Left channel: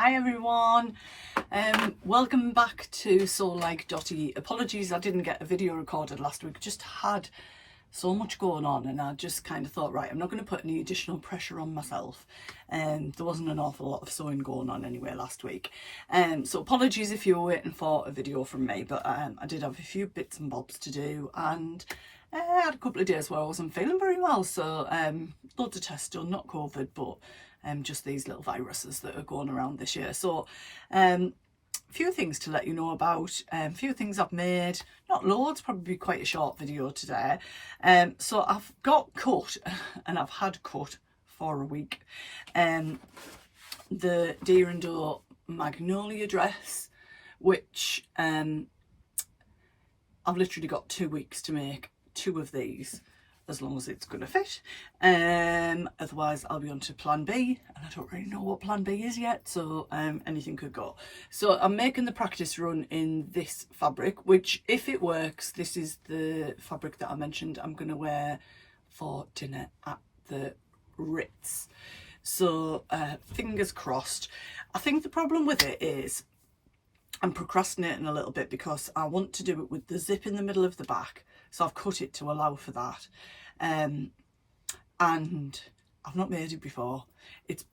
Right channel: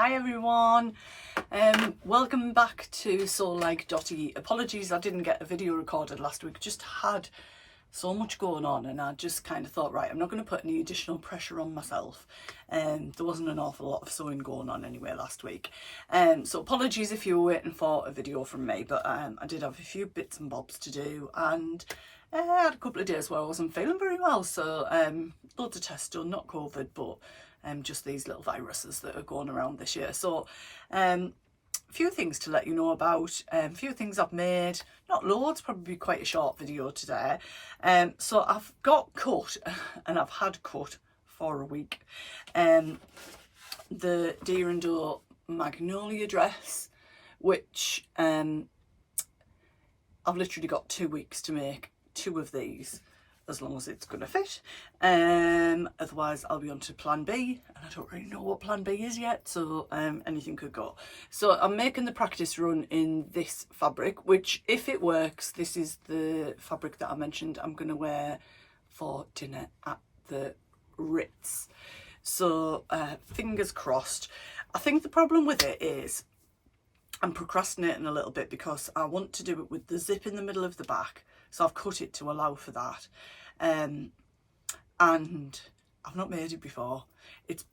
Hi everyone, welcome back to soul-like.ie. Apologies I didn't get a video recorded last week, just had so much going on and I just kind of thought, right, I'm not going to put any additional pressure on myself. There wasn't an awful lot of sewing going on anyway last week. So apologies if you were waiting for a video from me, but I did have a few bits and bobs to do, and I had a couple of days where I wasn't feeling very well, so loads of tests done, not COVID, but just these little viruses that are going around this year. So a few things to let you know about, a few things I've made, not loads, probably quite a short video today. So I've got cut, and I've had cut for a week, the Deer and Doe magnolia dress, which I've literally got 2 weeks to make 2 of these, as long as it's going to fit. Otherwise I'll be on to plan B, and I don't really know what plan B is yet, so anything could go. So I'm making the practice run in this fabric, which, if it works, this is the fabric that I mentioned I'm going to wear for dinner at the Ritz. So fingers crossed. I think the problem with it is I'm procrastinating a little bit because I want to do it with the zip in the middle of the back, so I've cut it to allow for that. And I've not made it before. It's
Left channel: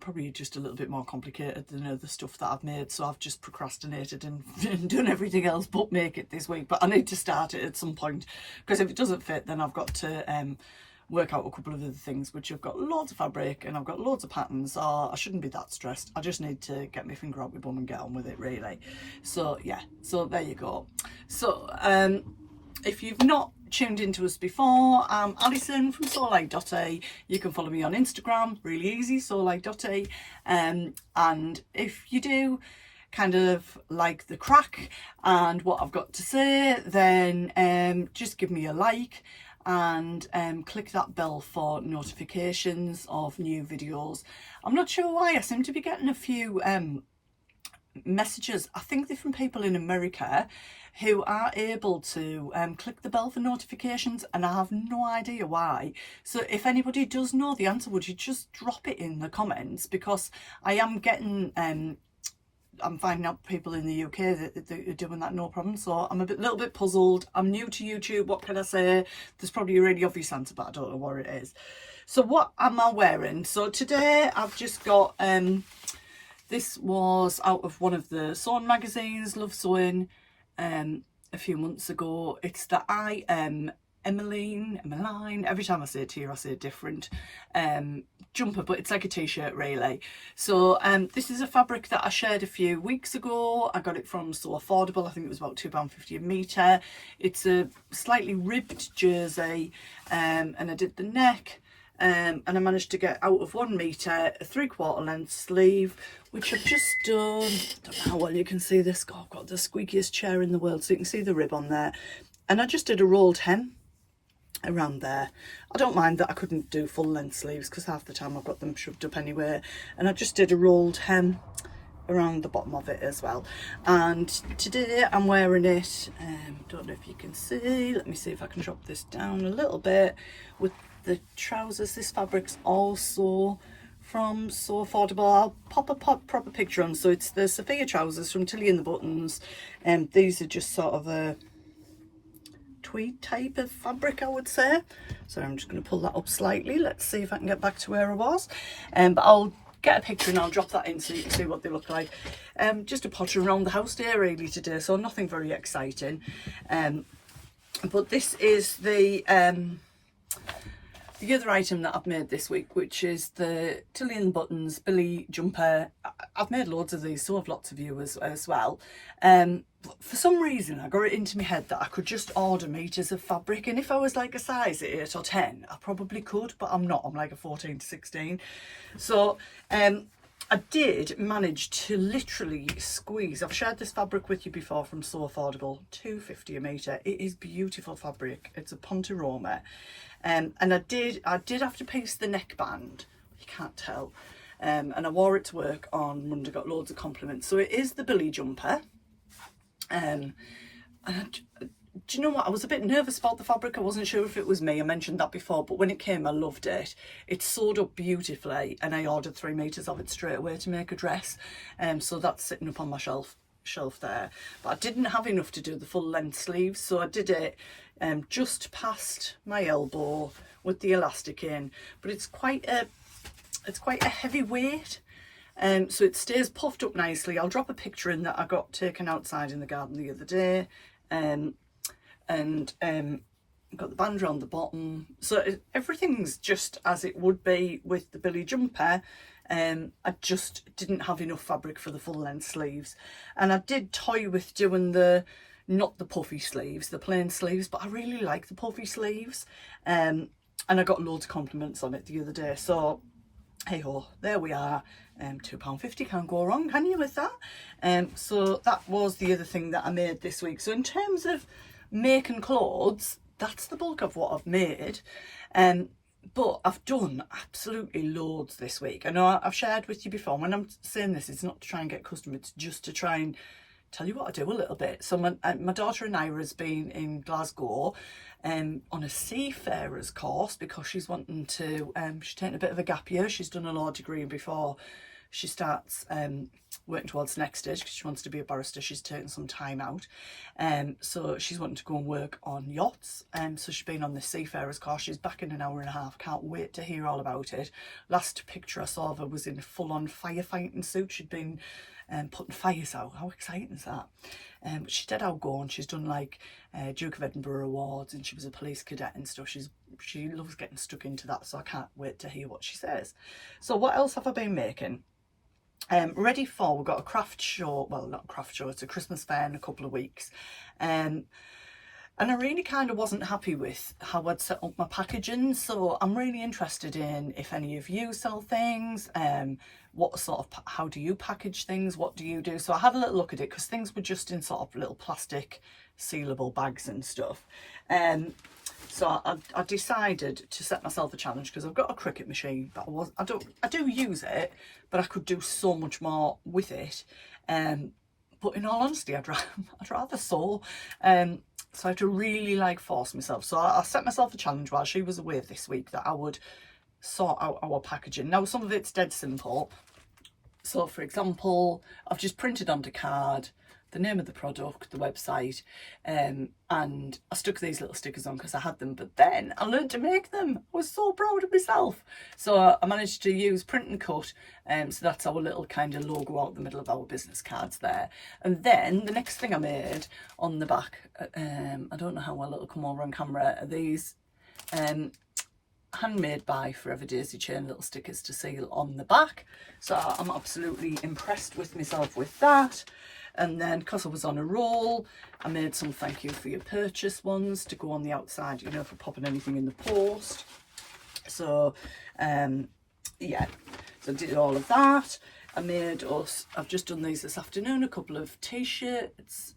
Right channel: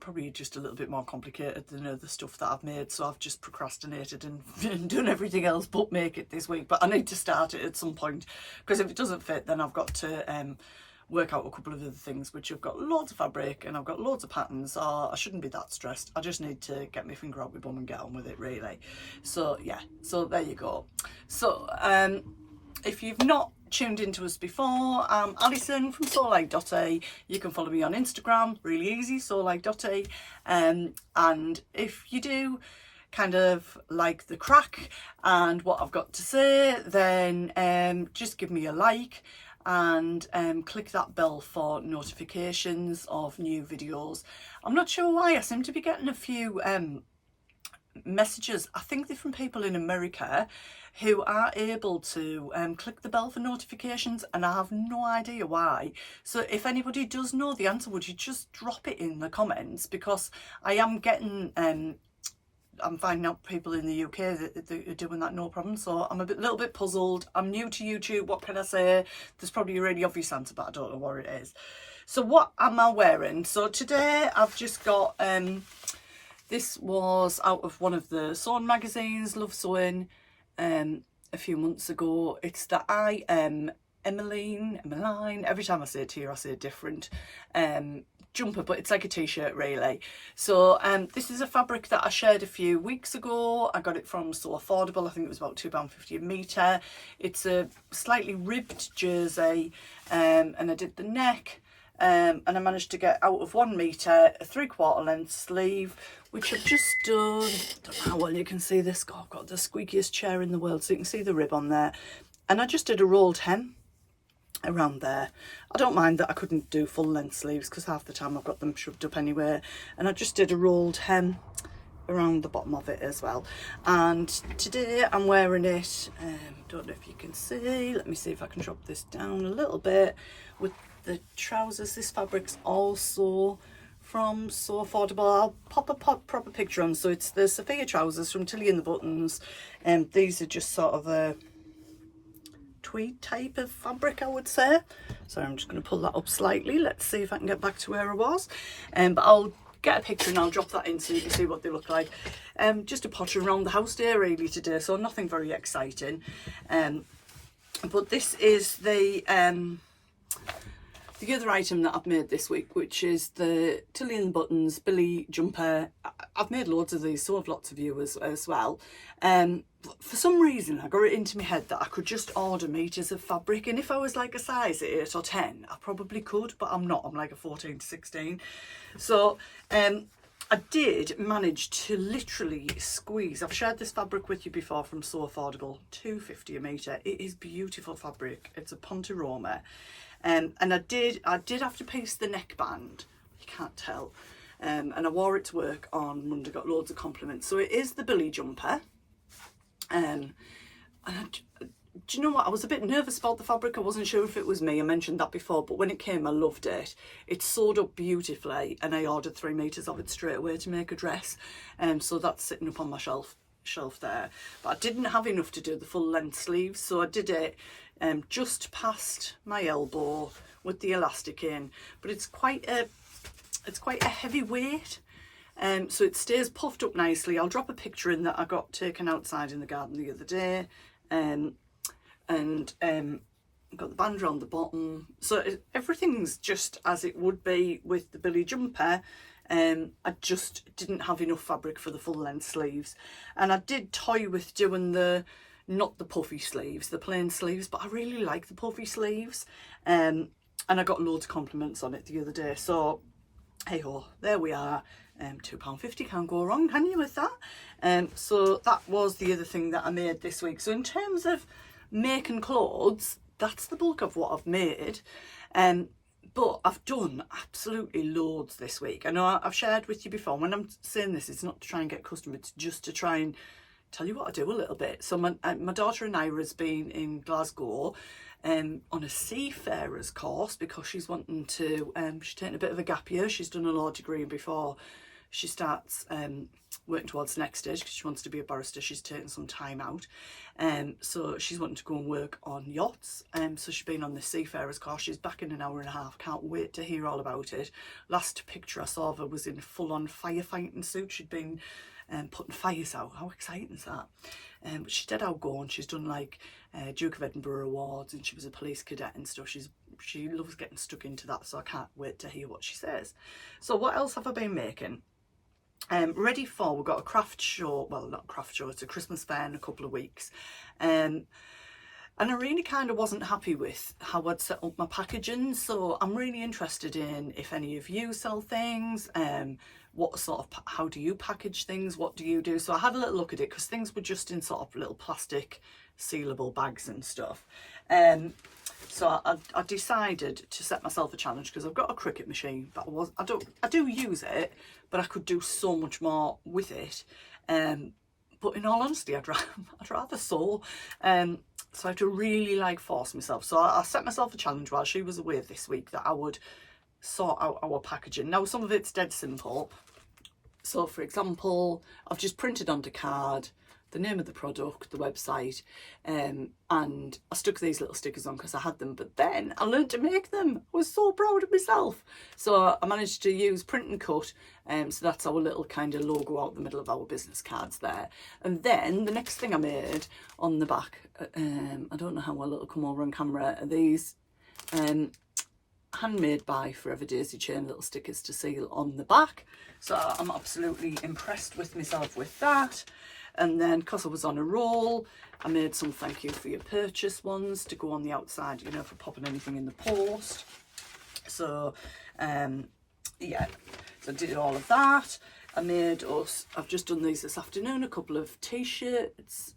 probably just a little bit more complicated than the stuff that I've made, so I've just procrastinated and done everything else but make it this week. But I need to start it at some point, because if it doesn't fit, then I've got to work out a couple of other things, which I've got loads of fabric and I've got loads of patterns, so I shouldn't be that stressed. I just need to get my finger out my bum and get on with it, really. So yeah, so there you go. So if you've not tuned into us before, I'm Alison from soul-like.ie. You can follow me on Instagram, really easy, soul-like.ie. And if you do kind of like the crack and what I've got to say, then just give me a like and click that bell for notifications of new videos. I'm not sure why, I seem to be getting a few messages, I think they're from people in America, who are able to click the bell for notifications, and I have no idea why. So if anybody does know the answer, would you just drop it in the comments, because I am getting I'm finding out people in the UK that are doing that no problem. So I'm a little bit puzzled. I'm new to YouTube, what can I say? There's probably a really obvious answer, but I don't know what it is. So what am I wearing? So today I've just got this was out of one of the sewing magazines, Love Sewing, a few months ago. It's the Emmeline, every time I say it here I say it different, jumper, but it's like a t-shirt really. So this is a fabric that I shared a few weeks ago. I got it from So Affordable. I think it was about £2.50 a metre. It's a slightly ribbed jersey, and I did the neck, and I managed to get out of 1 metre a 3/4 length sleeve, which I've just done. I don't know how well you can see this. God, I've got the squeakiest chair in the world, so you can see the rib on there. And I just did a rolled hem around there. I don't mind that I couldn't do full length sleeves, because half the time I've got them shoved up anyway. And I just did a rolled hem around the bottom of it as well. And today I'm wearing it, don't know if you can see, let me see if I can drop this down a little bit, with the trousers. This fabric's also from So Affordable. I'll pop a proper picture on. So it's the Sophia trousers from Tilly and the Buttons, and these are just sort of a tweed type of fabric, I would say. So I'm just going to pull that up slightly. Let's see if I can get back to where I was. But I'll get a picture and I'll drop that in so you can see what they look like. Just a potter around the house day really today, so nothing very exciting. But this is the other item that I've made this week, which is the Tilly and the Buttons Billy jumper. I've made loads of these, so have lots of you as well. For some reason I got it into my head that I could just order meters of fabric, and if I was like a size 8 or 10 I probably could, but I'm not. I'm like a 14 to 16. So I did manage to literally squeeze, I've shared this fabric with you before from So Affordable, £2.50 a metre. It is beautiful fabric. It's a Ponteroma. And I did have to piece the neckband, you can't tell, and I wore it to work on Monday, got loads of compliments. So it is the Billy jumper, and do you know what? I was a bit nervous about the fabric. I wasn't sure if it was me. I mentioned that before, but when it came, I loved it. It sewed up beautifully, and I ordered 3 meters of it straight away to make a dress. So that's sitting up on my shelf there. But I didn't have enough to do the full length sleeves, so I did it just past my elbow with the elastic in. But it's quite a heavy weight. So it stays puffed up nicely. I'll drop a picture in that I got taken outside in the garden the other day. Got the band around the bottom, so everything's just as it would be with the Billy jumper. I just didn't have enough fabric for the full length sleeves, and I did toy with doing not the puffy sleeves, the plain sleeves, but I really like the puffy sleeves, and I got loads of compliments on it the other day. So hey ho, there we are. £2.50, can't go wrong, can you, with that? So that was the other thing that I made this week. So in terms of making clothes, that's the bulk of what I've made. But I've done absolutely loads this week. I know I've shared with you before. When I'm saying this, it's not to try and get customers, it's just to try and tell you what I do a little bit. So my daughter Ira's been in Glasgow on a seafarer's course because she's wanting to, she's taking a bit of a gap year. She's done a law degree before she starts working towards the next stage because she wants to be a barrister. She's taking some time out. So she's wanting to go and work on yachts. So she's been on the seafarer's course. She's back in an hour and a half. Can't wait to hear all about it. Last picture I saw of her was in a full-on firefighting suit. She'd been putting fires out. How exciting is that? But she's dead outgoing. She's done like Duke of Edinburgh awards, and she was a police cadet and stuff. She loves getting stuck into that, so I can't wait to hear what she says. So what else have I been making? Ready for, we've got a craft show, well, not a craft show, it's a Christmas fair in a couple of weeks. And I really kind of wasn't happy with how I'd set up my packaging, so I'm really interested in if any of you sell things, what sort of, how do you package things, what do you do? So I had a little look at it because things were just in sort of little plastic sealable bags and stuff. So I decided to set myself a challenge because I've got a Cricut machine, but I do use it, but I could do so much more with it. But in all honesty, I'd rather sew. So I had to really like force myself. So I set myself a challenge while she was away this week that I would sort out our packaging. Now some of it's dead simple. So for example, I've just printed onto card the name of the product, the website, and I stuck these little stickers on because I had them, but then I learned to make them. I was so proud of myself. So I managed to use print and cut, so that's our little kind of logo out the middle of our business cards there. And then the next thing I made on the back, I don't know how well it'll come over on camera, are these handmade by Forever Daisy chain little stickers to seal on the back. So I'm absolutely impressed with myself with that. And then because I was on a roll, I made some thank you for your purchase ones to go on the outside, you know, for popping anything in the post. So yeah, so I did all of that. I've just done these this afternoon, a couple of t-shirts.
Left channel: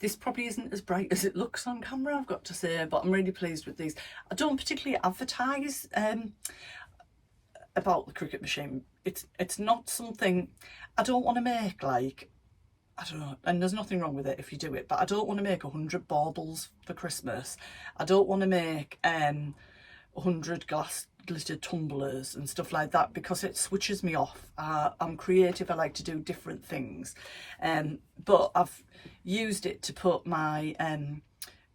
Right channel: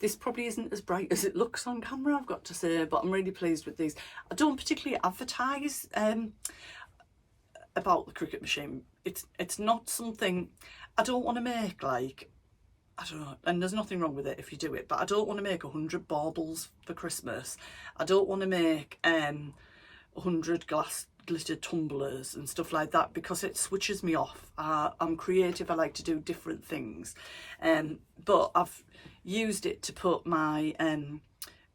This probably isn't as bright as it looks on camera, I've got to say, but I'm really pleased with these. I don't particularly advertise about the Cricut machine. It's not something, I don't want to make like, I don't know, and there's nothing wrong with it if you do it, but I don't want to make 100 baubles for Christmas. I don't want to make 100 glass glitter tumblers and stuff like that because it switches me off. I'm creative, I like to do different things. But I've used it to put my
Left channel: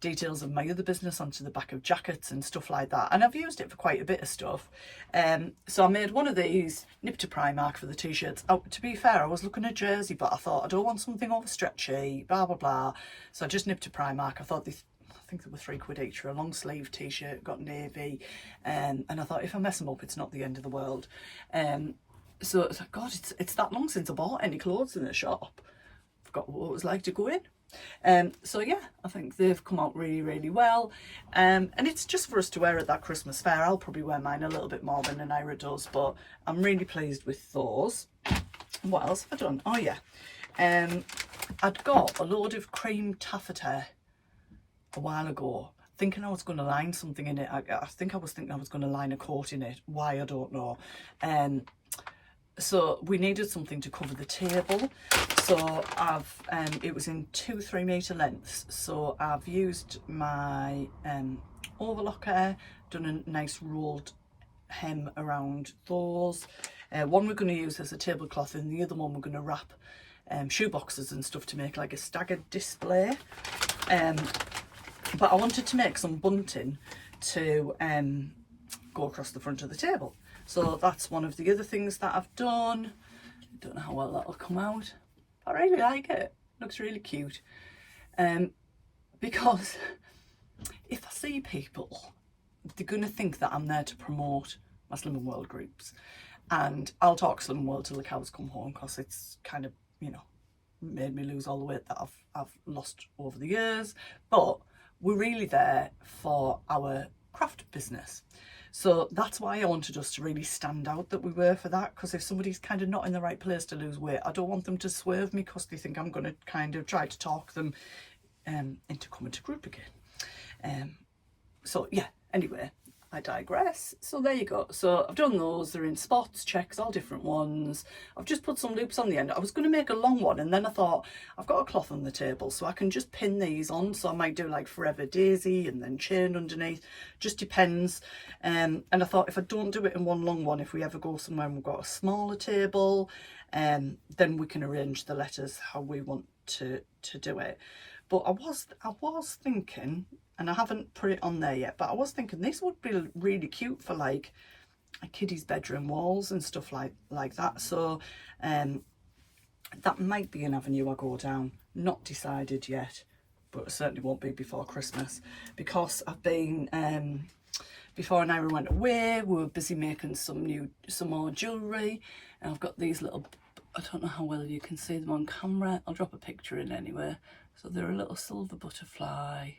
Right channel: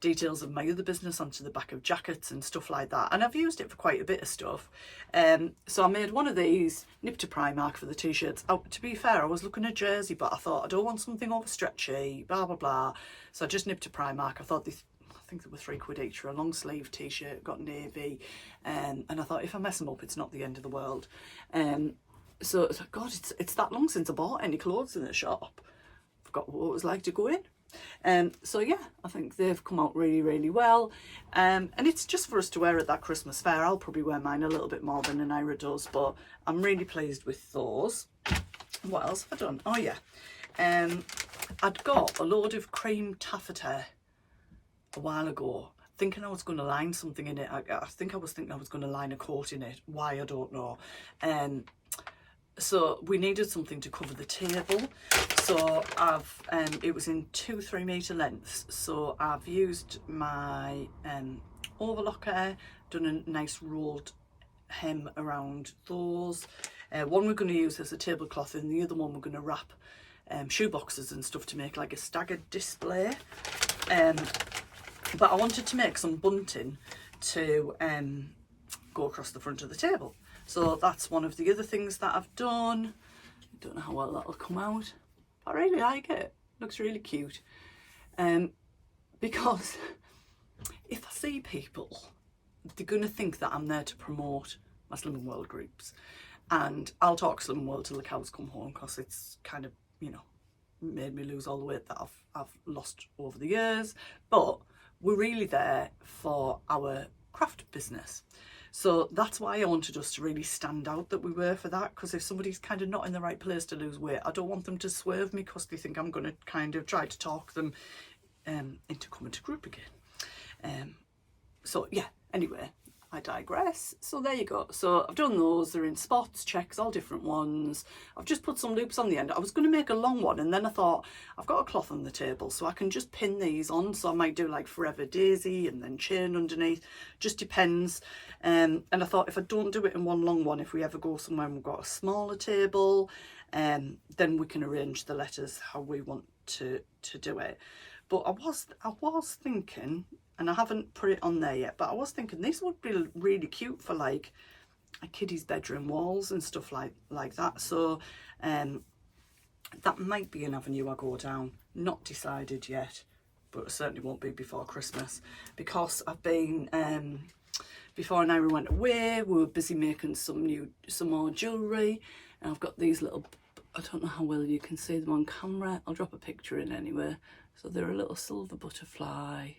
details of my other business onto the back of jackets and stuff like that, and I've used it for quite a bit of stuff. So I made one of these, nipped to Primark for the t-shirts. To be fair, I was looking at jersey, but I thought I don't want something over stretchy, blah blah blah, so I just nipped to Primark. I thought I think they were £3 each for a long sleeve t-shirt, got navy, and I thought if I mess them up it's not the end of the world. So it's like, God, it's that long since I bought any clothes in the shop. Forgot what it was like to go in. So yeah, I think they've come out really, really well. And it's just for us to wear at that Christmas fair. I'll probably wear mine a little bit more than an Ira does, but I'm really pleased with those. What else have I done? Oh yeah, I'd got a load of cream taffeta a while ago, thinking I was going to line something in it. I think I was thinking I was going to line a coat in it. Why, I don't know. So we needed something to cover the table. So I've, it was in 2-3 metre lengths. So I've used my overlocker, done a nice rolled hem around those. One we're going to use as a tablecloth, and the other one we're going to wrap shoe boxes and stuff to make like a staggered display. But I wanted to make some bunting to go across the front of the table. So that's one of the other things that I've done. Don't know how well that'll come out. I really like it. Looks really cute. Because if I see people, they're going to think that I'm there to promote my Slimming World groups. And I'll talk Slimming World till the cows come home, because it's kind of, you know, made me lose all the weight that I've lost over the years. But we're really there for our craft business. So that's why I wanted us to really stand out that we were for that, because if somebody's kind of not in the right place to lose weight, I don't want them to swerve me because they think I'm going to kind of try to talk them into coming to group again. So yeah, anyway, I digress. So there you go. So I've done those. They're in spots, checks, all different ones. I've just put some loops on the end. I was going to make a long one, and then I thought, I've got a cloth on the table, so I can just pin these on. So I might do like Forever Daisy and then chain underneath. Just depends. And I thought, if I don't do it in one long one, if we ever go somewhere and we've got a smaller table, then we can arrange the letters how we want to do it. But I was thinking, and I haven't put it on there yet, but I was thinking this would be really cute for like a kiddie's bedroom walls and stuff like that. So that might be an avenue I go down. Not decided yet, but it certainly won't be before Christmas, because I've been before Naira went away, we were busy making some more jewellery, and I've got these little, I don't know how well you can see them on camera, I'll drop a picture in anyway. So they're a little silver butterfly.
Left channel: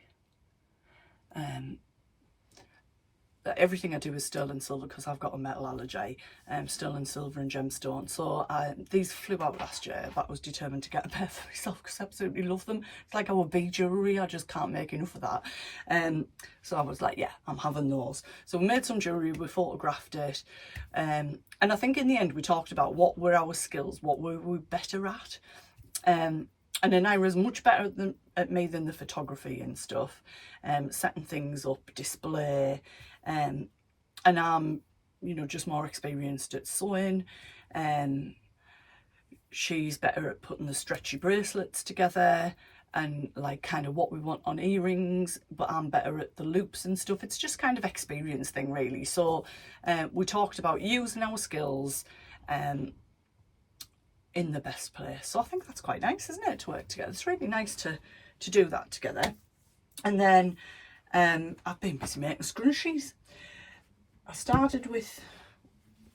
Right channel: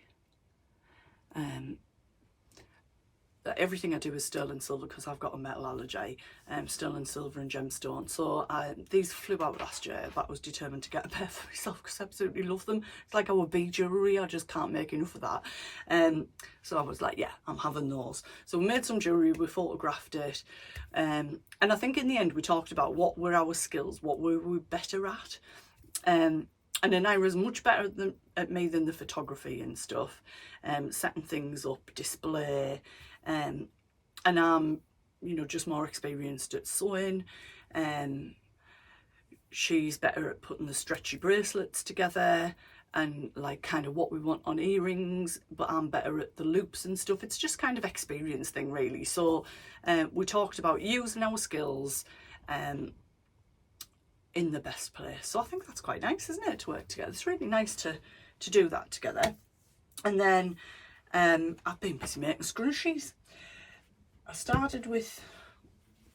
Everything I do is sterling silver because I've got a metal allergy. Sterling silver and gemstone. So these flew out last year, but I was determined to get a pair for myself because I absolutely love them. It's like our bead jewellery, I just can't make enough of that. So I was like, yeah, I'm having those. So we made some jewellery, we photographed it. And I think in the end we talked about what were our skills, what were we better at. And then Ira's much better at me than the photography and stuff, setting things up, display, and I'm, you know, just more experienced at sewing. She's better at putting the stretchy bracelets together and like kind of what we want on earrings, but I'm better at the loops and stuff. It's just kind of experience thing really. So we talked about using our skills in the best place. So I think that's quite nice, isn't it, to work together? It's really nice to do that together. And then I've been busy making scrunchies. I started with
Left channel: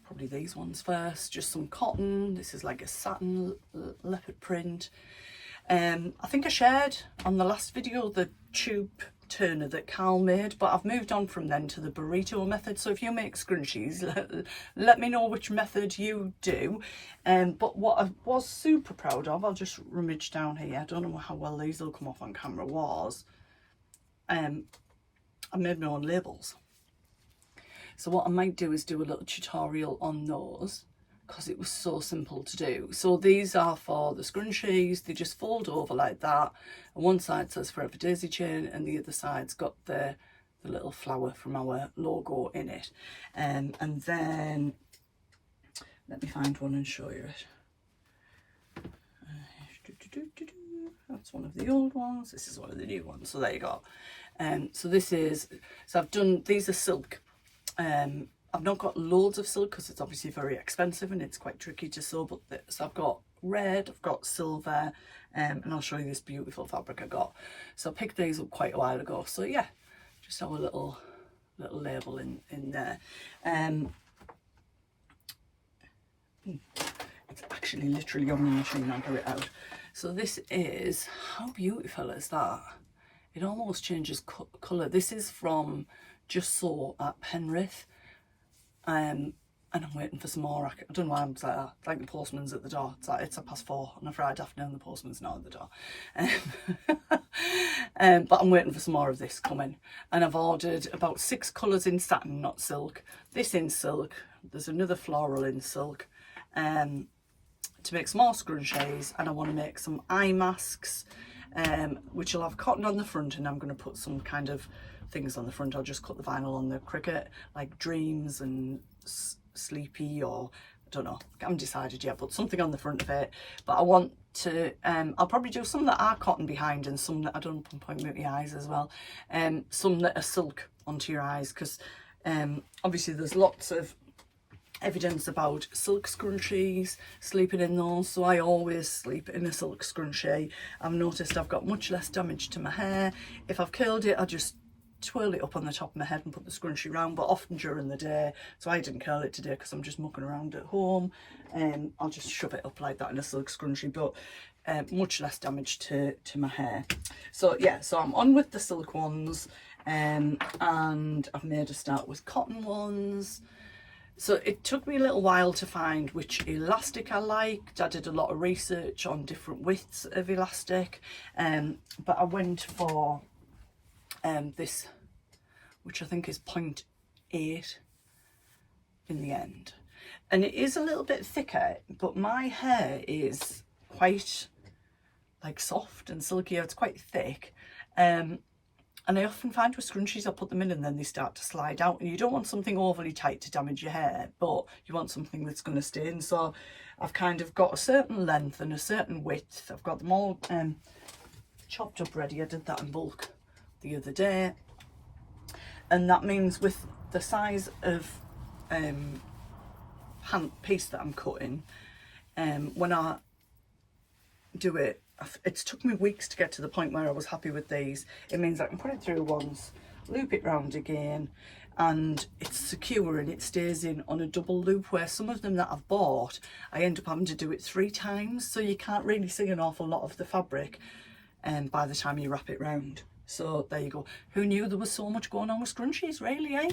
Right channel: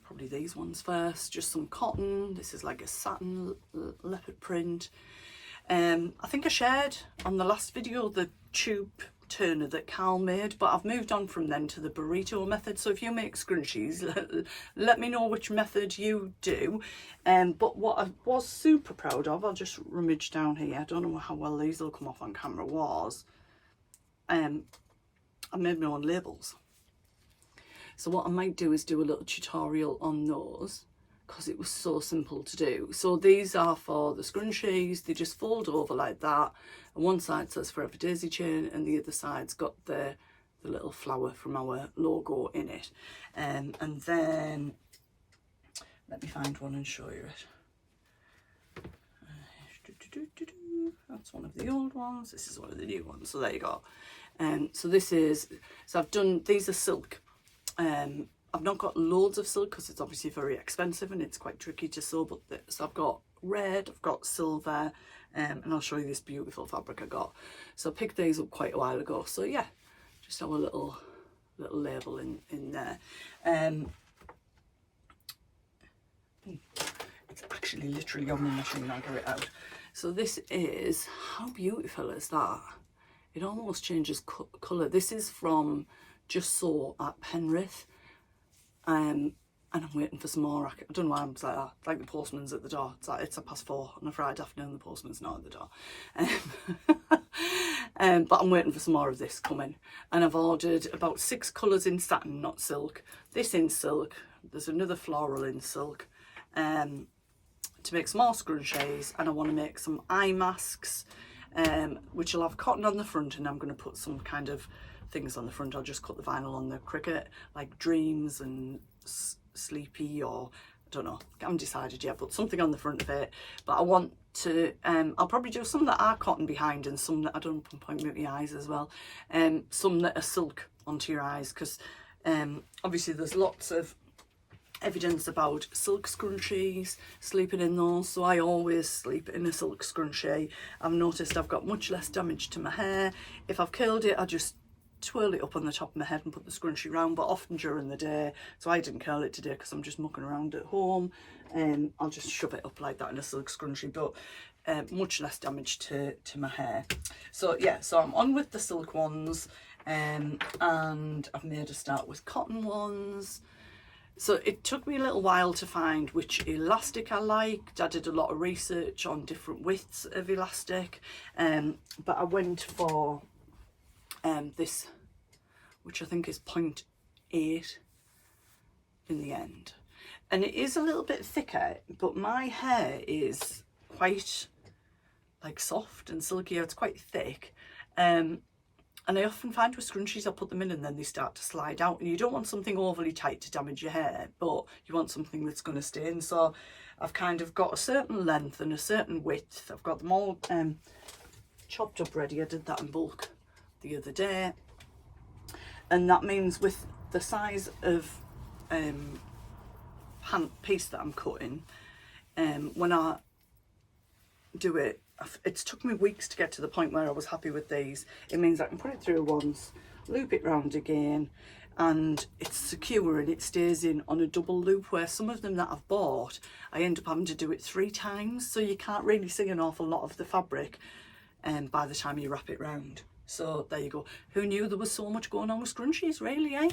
probably these ones first, just some cotton. This is like a satin leopard print. I think I shared on the last video the tube turner that Carl made, but I've moved on from then to the burrito method. So if you make scrunchies, let me know which method you do. But what I was super proud of, I'll just rummage down here, I don't know how well these will come off on camera, was I made my own labels. So what I might do is do a little tutorial on those, because it was so simple to do. So these are for the scrunchies. They just fold over like that, and one side says Forever Daisy chain and the other side's got the little flower from our logo in it. And then let me find one and show you it. That's one of the old ones, this is one of the new ones, so there you go. So this is, so I've done, these are silk. I've not got loads of silk because it's obviously very expensive and it's quite tricky to sew, but so I've got red, I've got silver, and I'll show you this beautiful fabric I got. So I picked these up quite a while ago. So yeah, just have a little label in there. It's actually literally on the machine, I'll get it out. So this is, how beautiful is that? It almost changes colour. This is from Just Sew at Penrith. And I'm waiting for some more. I don't know why I'm like that. It's like the postman's at the door. It's like it's 4:30 on a Friday afternoon, the postman's not at the door. But I'm waiting for some more of this coming. And I've ordered about 6 colours in satin, not silk. This in silk. There's another floral in silk. to make some more scrunchies, and I want to make some eye masks, which will have cotton on the front, and I'm going to put some kind of things on the front. I'll just cut the vinyl on the cricket, like dreams and sleepy, or I don't know, I haven't decided yet, but something on the front of it. But I want to, I'll probably do some that are cotton behind and some that I don't point with my eyes as well. Some that are silk onto your eyes, because obviously there's lots of evidence about silk scrunchies, sleeping in those, so I always sleep in a silk scrunchie. I've noticed I've got much less damage to my hair. If I've curled it, I just twirl it up on the top of my head and put the scrunchie round, but often during the day, so I didn't curl it today because I'm just mucking around at home, I'll just shove it up like that in a silk scrunchie, but much less damage to my hair. So yeah, so I'm on with the silk ones, and I've made a start with cotton ones. So it took me a little while to find which elastic I liked. I did a lot of research on different widths of elastic, but I went for this, which I think is 0.8 in the end. And it is a little bit thicker, but my hair is quite like soft and silky. It's quite thick. And I often find with scrunchies, I put them in and then they start to slide out, and you don't want something overly tight to damage your hair, but you want something that's going to stay in. So I've kind of got a certain length and a certain width. I've got them all chopped up ready. I did that in bulk the other day, and that means with the size of piece that I'm cutting, when I do it, it's took me weeks to get to the point where I was happy with these. It means I can put it through once, loop it round again, and it's secure and it stays in on a double loop, where some of them that I've bought, I end up having to do it 3 times, so you can't really see an awful lot of the fabric by the time you wrap it round. So there you go. Who knew there was so much going on with scrunchies, really, eh?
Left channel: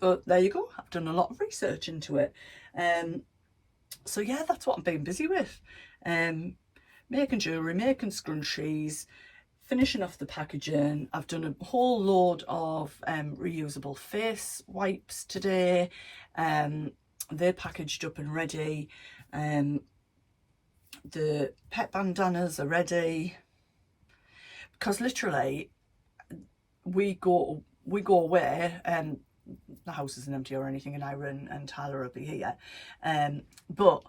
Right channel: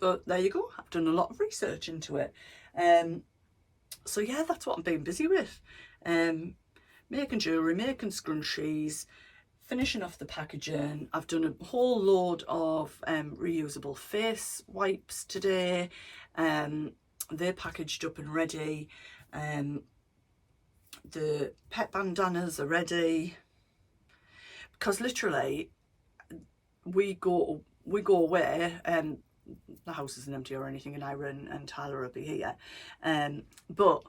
But there you go. I've done a lot of research into it. So yeah, that's what I've been busy with. Making jewellery, making scrunchies, finishing off the packaging. I've done a whole load of reusable face wipes today. They're packaged up and ready. The pet bandanas are ready, because literally we go away, and the house isn't empty or anything, and Ira and Tyler will be here, but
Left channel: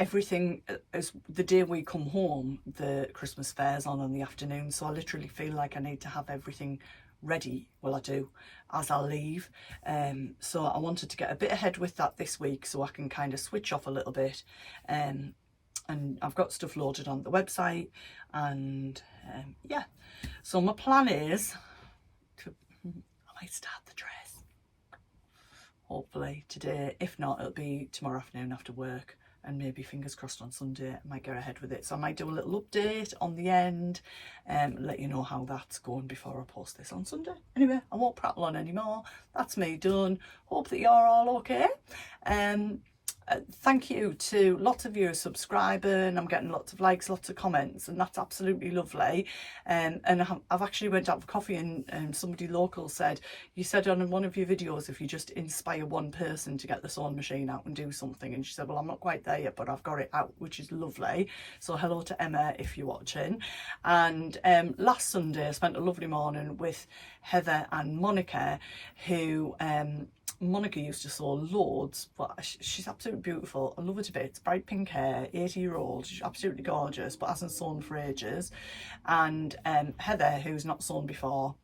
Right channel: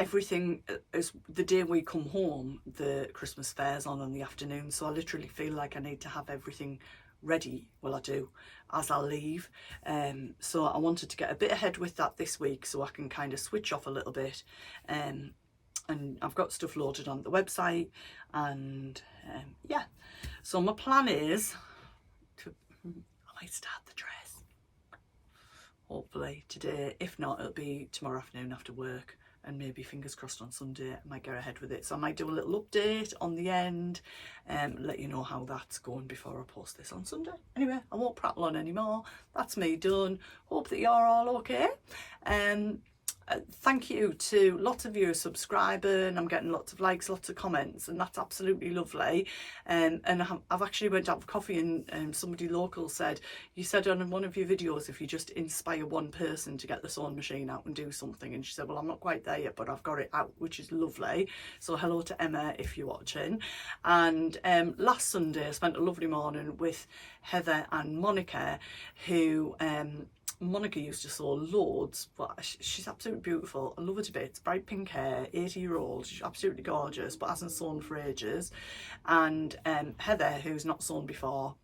everything is, the day we come home, the Christmas fair's on in the afternoon, so I literally feel like I need to have everything ready, well I do, as I leave. So I wanted to get a bit ahead with that this week so I can kind of switch off a little bit, and I've got stuff loaded on the website, and yeah, so my plan is to, I might start the dress hopefully today. If not, it'll be tomorrow afternoon after work, and maybe fingers crossed on Sunday I might go ahead with it. So I might do a little update on the end and let you know how that's going before I post this on Sunday. Anyway, I won't prattle on anymore. That's me done. Hope that you're all okay. Thank you to lots of you subscribing. I'm getting lots of likes, lots of comments, and that's absolutely lovely. And I've actually went out for coffee, and somebody local said, you said on one of your videos if you just inspire one person to get the sewing machine out and do something, and she said, well, I'm not quite there yet, but I've got it out, which is lovely. So hello to Emma if you're watching. And last Sunday I spent a lovely morning with Heather and Monica, who Monica used to sew loads, but she's absolutely beautiful. I love her to bits. Bright pink hair, 80-year-old. She's absolutely gorgeous, but hasn't sewn for ages. And Heather, who's not sewn before.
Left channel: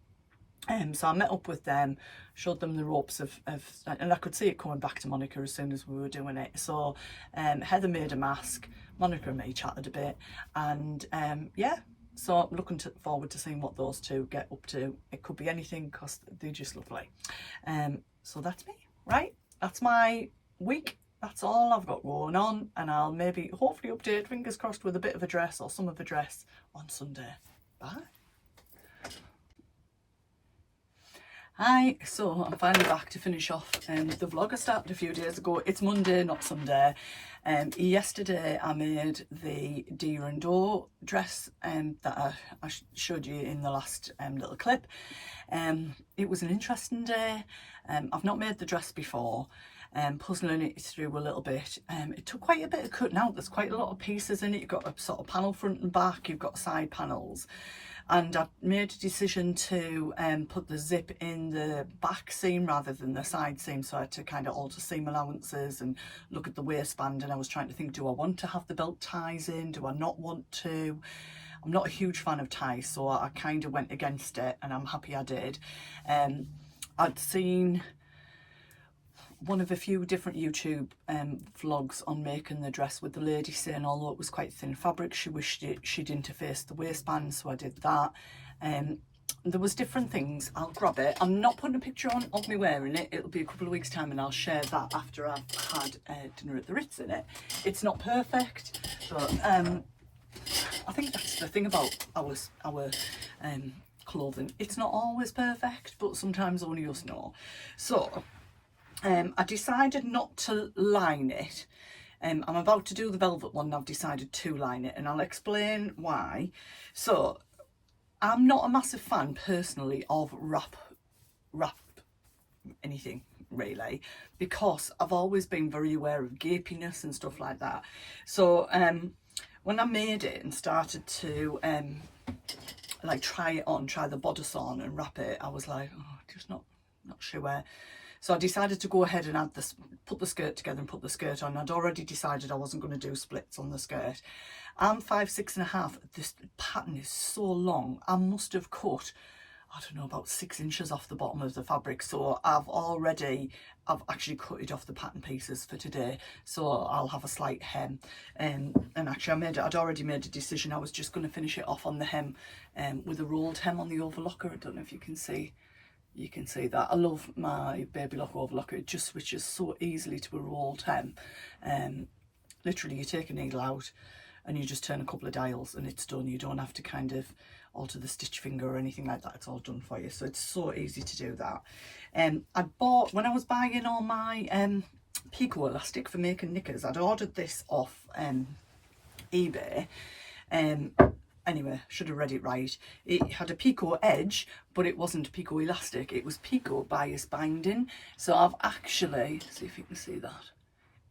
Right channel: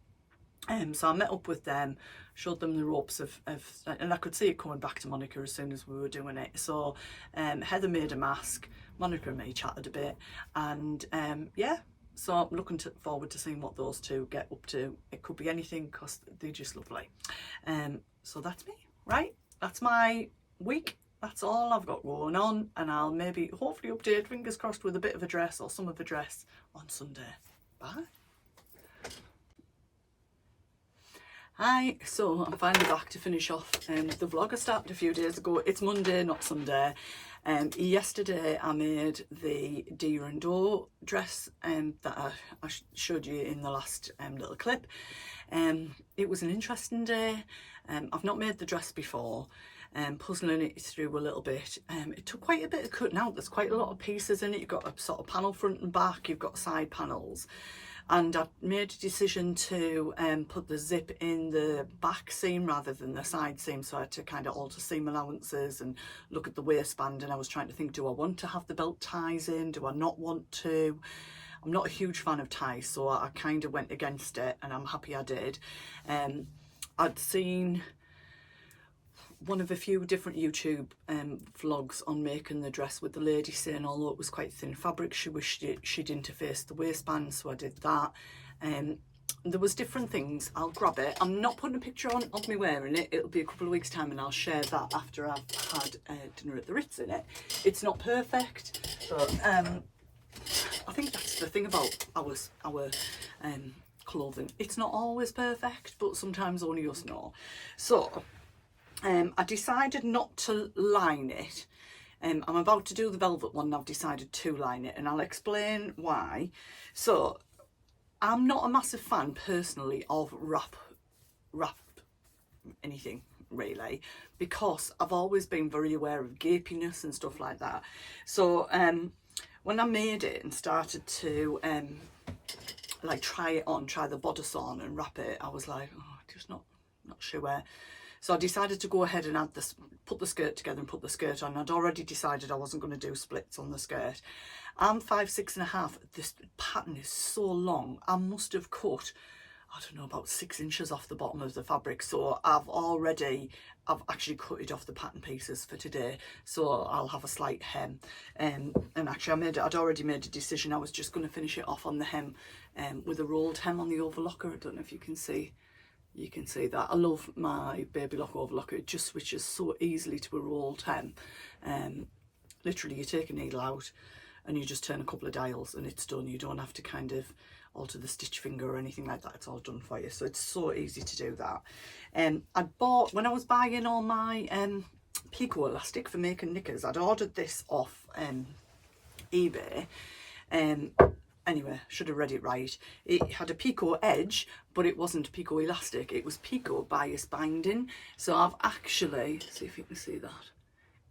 So I met up with them, showed them the ropes of and I could see it coming back to Monica as soon as we were doing it. So Heather made a mask, Monica and me chatted a bit, and yeah. So I'm looking forward to seeing what those two get up to. It could be anything because they're just lovely. So that's me, right? That's my week. That's all I've got going on, and I'll maybe hopefully update, fingers crossed, with a bit of a dress or some of a dress on Sunday. Bye. Hi, so I'm finally back to finish off the vlog I started a few days ago. It's Monday, not Sunday. Yesterday I made the deer and doe dress that I showed you in the last little clip. It was an interesting day. I've not made the dress before, puzzling it through a little bit. It took quite a bit of cutting out. There's quite a lot of pieces in it. You've got a sort of panel front and back, you've got side panels. And I made a decision to put the zip in the back seam rather than the side seam, so I had to kind of alter seam allowances and look at the waistband, and I was trying to think, do I want to have the belt ties in, do I not want to? I'm not a huge fan of ties, so I kind of went against it, and I'm happy I did. I'd seen one of a few different YouTube vlogs on making the dress with the lady saying although it was quite thin fabric, she wished she'd interfaced the waistband, so I did that. There was different things. I'll grab it. I'm not putting a picture on of me wearing it. It'll be a couple of weeks time and I'll share that after I've had dinner at the Ritz in it. It's not perfect, but I think that's the thing about our clothing. It's not always perfect, but sometimes only us know. So I decided not to line it. I'm about to do the velvet one and I've decided to line it, and I'll explain why. So I'm not a massive fan personally of wrap anything really, because I've always been very aware of gapiness and stuff like that. So when I made it and started to like try the bodice on and wrap it, I was like, oh, just not sure. So I decided to go ahead and put the skirt together and put the skirt on. I'd already decided I wasn't going to do splits on the skirt. I'm 5'6½". This pattern is so long. I must have cut, I don't know, about 6 inches off the bottom of the fabric. So I've actually cut it off the pattern pieces for today. So I'll have a slight hem. And actually I'd already made a decision. I was just going to finish it off on the hem with a rolled hem on the overlocker. I don't know if you can see. You can see that. I love my baby lock overlocker. It just switches so easily to a rolled hem. Literally you take a needle out and you just turn a couple of dials and it's done. You don't have to kind of alter the stitch finger or anything like that. It's all done for you. So it's so easy to do that. I bought, when I was buying all my picot elastic for making knickers, I'd ordered this off eBay. Anyway, should have read it right. It had a picot edge, but it wasn't picot elastic. It was picot bias binding. So I've actually, see if you can see that,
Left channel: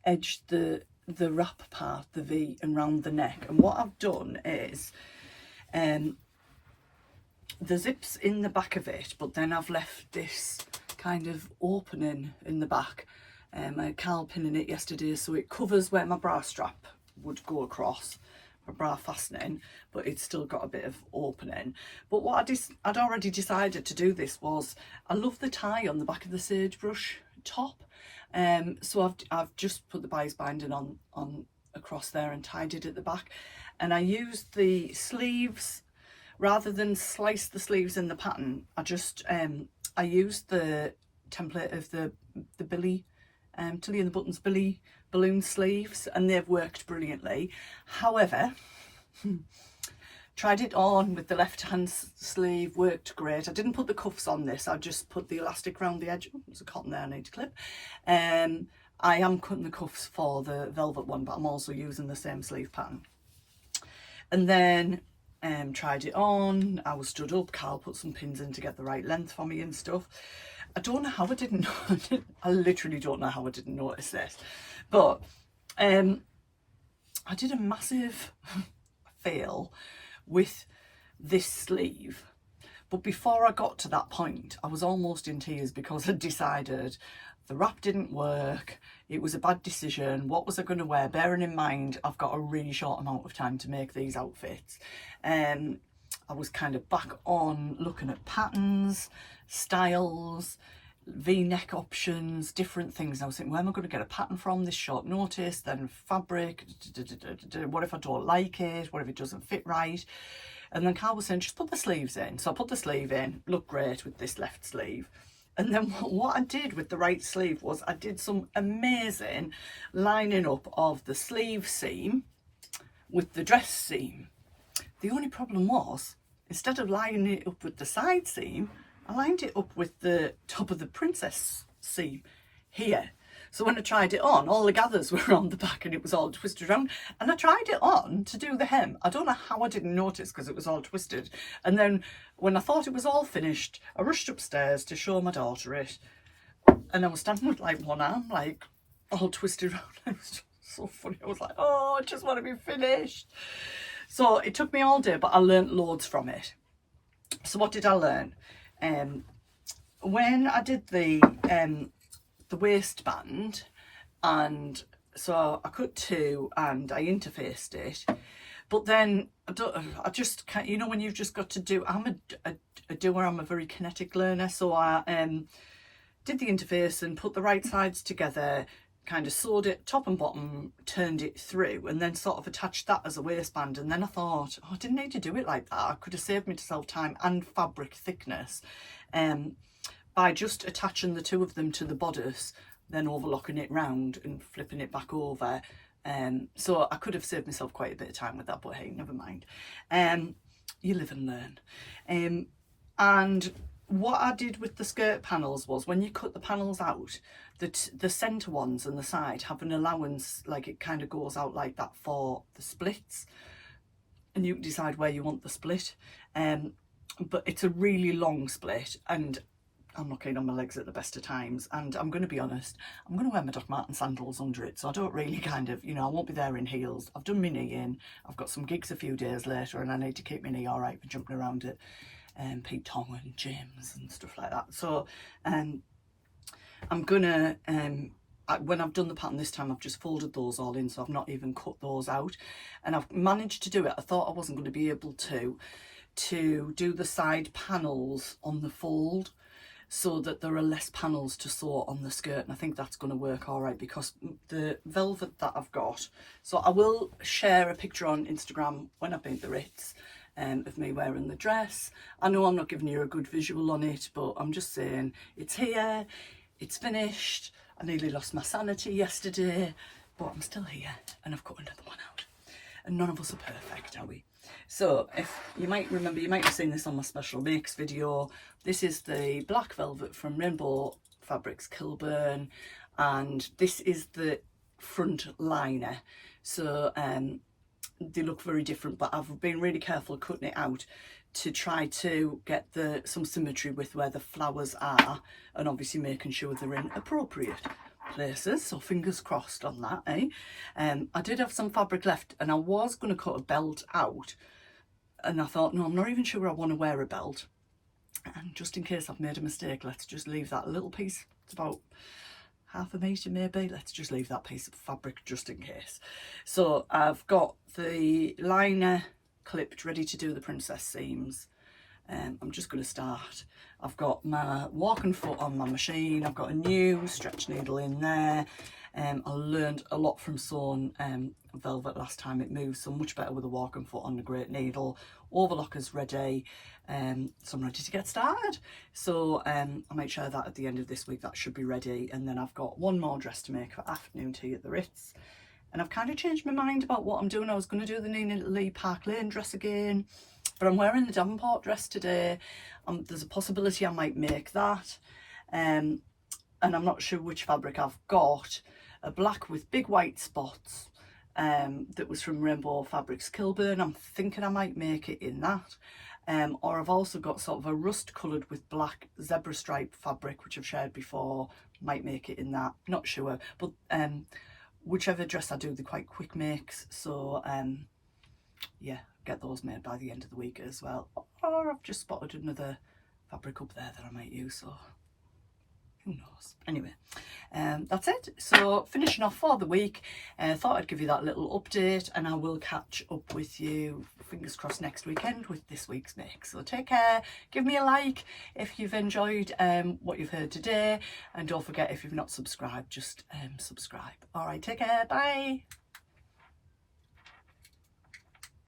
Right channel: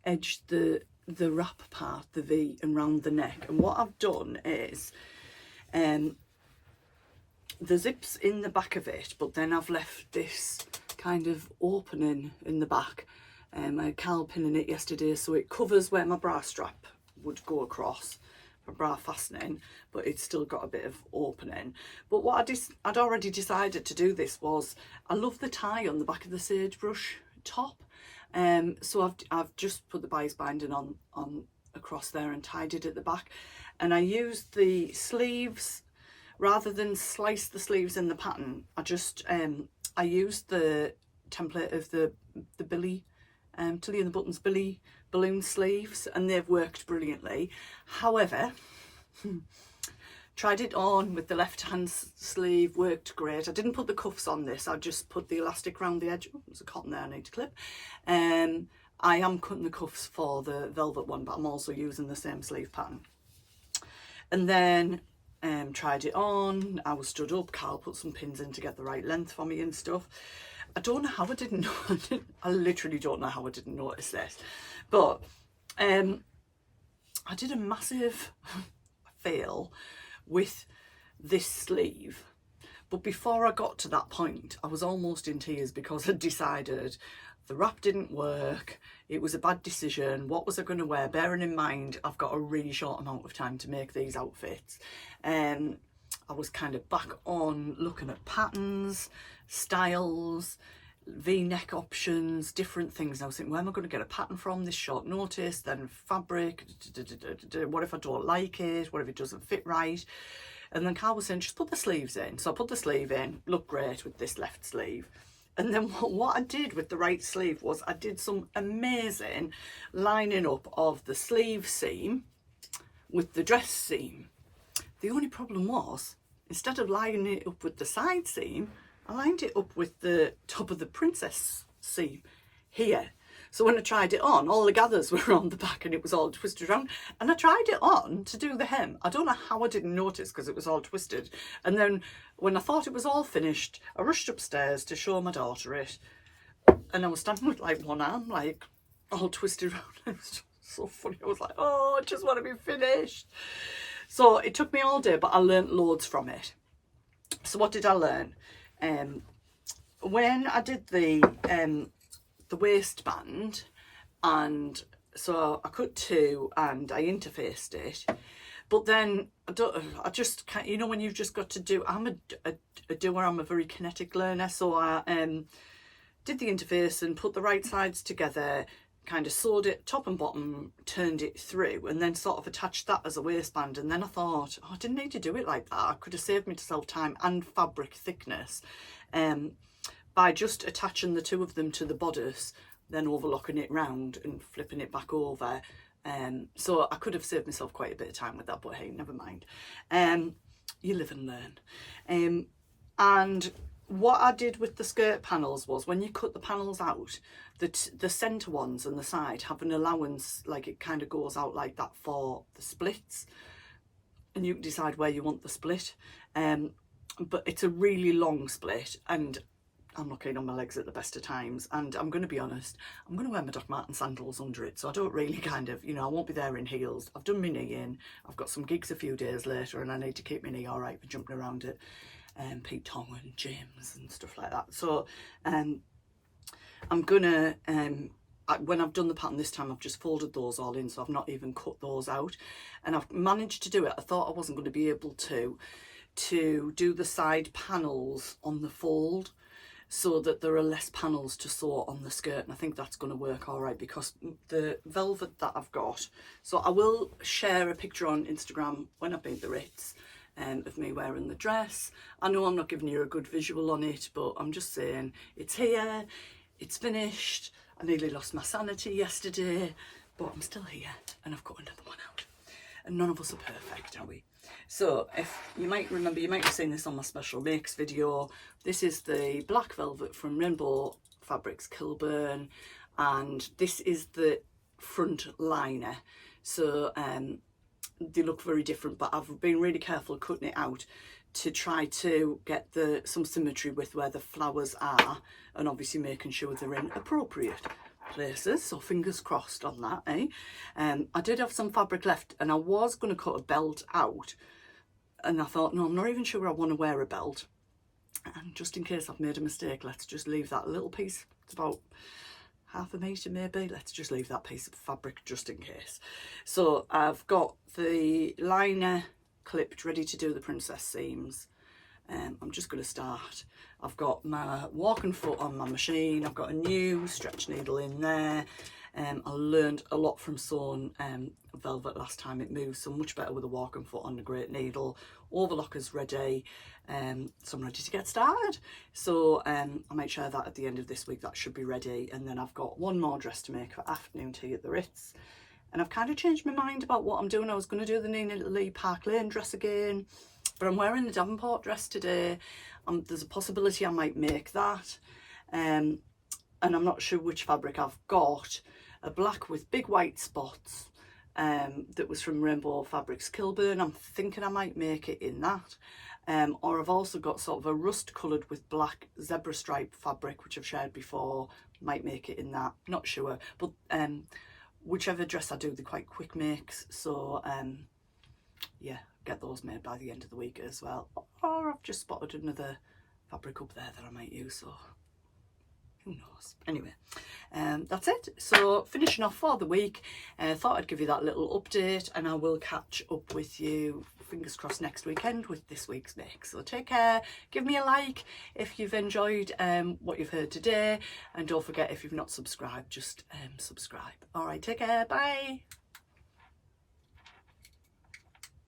edged the wrap part, the V, and round the neck. And what I've done is, the zip's in the back of it, but then I've left this kind of opening in the back. I had Carl pinning it yesterday, so it covers where my bra strap would go across. Bra fastening, but it's still got a bit of opening. But what I'd already decided to do this was, I love the tie on the back of the sagebrush top, so I've just put the bias binding on across there and tied it at the back, and I used the sleeves rather than slice the sleeves in the pattern. I used the template of the Billy Tilly and the Buttons Billy balloon sleeves, and they've worked brilliantly. However, tried it on with the left hand sleeve, worked great. I didn't put the cuffs on this, I just put the elastic around the edge. Oh, there's a cotton there I need to clip. I am cutting the cuffs for the velvet one, but I'm also using the same sleeve pattern. And then tried it on, I was stood up, Carl put some pins in to get the right length for me and stuff. I don't know how I didn't know. I literally don't know how I didn't notice this. But I did a massive fail with this sleeve. But before I got to that point, I was almost in tears because I decided the wrap didn't work. It was a bad decision. What was I going to wear? Bearing in mind, I've got a really short amount of time to make these outfits. I was kind of back on looking at patterns, styles, V-neck options, different things. I was thinking, where am I going to get a pattern from this short notice? Then fabric, what if I don't like it? What if it doesn't fit right? And then Carl was saying, just put the sleeves in. So I put the sleeve in, looked great with this left sleeve. And then what I did with the right sleeve was I did some amazing lining up of the sleeve seam with the dress seam. The only problem was, instead of lining it up with the side seam, I lined it up with the top of the princess seam here. So when I tried it on, all the gathers were on the back and it was all twisted around. And I tried it on to do the hem. I don't know how I didn't notice because it was all twisted. And then when I thought it was all finished, I rushed upstairs to show my daughter it. and I was standing with like one arm like all twisted around. It was just so funny. I was like, oh, I just want to be finished. So it took me all day, but I learnt loads from it. So what did I learn? When I did the waistband, and so I cut 2 and I interfaced it, but then I just can't, you know, when you've just got to do, I'm a doer, I'm a very kinetic learner, so I did the interface and put the right sides together, kind of sewed it top and bottom, turned it through, and then sort of attached that as a waistband. And then I thought, oh, I didn't need to do it like that. I could have saved myself time and fabric thickness by just attaching the 2 of them to the bodice, then overlocking it round and flipping it back over. So I could have saved myself quite a bit of time with that, but hey, never mind. You live and learn. And what I did with the skirt panels was, when you cut the panels out, the centre ones and the side have an allowance, like it kind of goes out like that for the splits, and you can decide where you want the split. But it's a really long split, and I'm not keen on my legs at the best of times, and I'm going to be honest, I'm going to wear my Doc Marten sandals under it, so I don't really kind of, you know, I won't be there in heels. I've done my knee in, I've got some gigs a few days later, and I need to keep my knee all right for jumping around it. Pete Tong and James and stuff like that. So I'm gonna when I've done the pattern this time, I've just folded those all in, so I've not even cut those out, and I've managed to do it. I thought I wasn't going to be able to do the side panels on the fold, so that there are less panels to sew on the skirt, and I think that's going to work all right, because the velvet that I've got, so I will share a picture on Instagram when I've made the Ritz of me wearing the dress. I know I'm not giving you a good visual on it, but I'm just saying it's here, it's finished. I nearly lost my sanity yesterday, but I'm still here, and I've got another one out, and none of us are perfect, are we? So if you might remember, you might have seen this on my special makes video. This is the black velvet from Rainbow Fabrics Kilburn, and this is the front liner. So they look very different, but I've been really careful cutting it out to try to get some symmetry with where the flowers are, and obviously making sure they're in appropriate places, so fingers crossed on that, eh? I did have some fabric left, and I was going to cut a belt out, and I thought, no, I'm not even sure I want to wear a belt, and just in case I've made a mistake, let's just leave that little piece. It's about half a metre maybe. Let's just leave that piece of fabric just in case. So I've got the liner clipped, ready to do the princess seams. I'm just going to start. I've got my walking foot on my machine. I've got a new stretch needle in there. I learned a lot from sewing velvet last time. It moves so much better with a walking foot on a great needle. Overlocker's ready, so I'm ready to get started. So I might share that at the end of this week. That should be ready, and then I've got one more dress to make for afternoon tea at the Ritz, and I've kind of changed my mind about what I'm doing. I was going to do the Nina Lee Park Lane dress again, but I'm wearing the Davenport dress today. There's a possibility I might make that, and I'm not sure which fabric I've got. A black with big white spots that was from Rainbow Fabrics Kilburn. I'm thinking I might make it in that. Or I've also got sort of a rust coloured with black zebra stripe fabric, which I've shared before. Might make it in that, not sure. But whichever dress I do, they're quite quick makes. So yeah, get those made by the end of the week as well. Or I've just spotted another fabric up there that I might use, so who knows. Anyway, that's it. So finishing off for the week, thought I'd give you that little update, and I will catch up with you, fingers crossed, next weekend with this week's make. So take care, give me a like if you've enjoyed what you've heard today, and don't forget, if you've not subscribed, just subscribe. All right, take care, bye.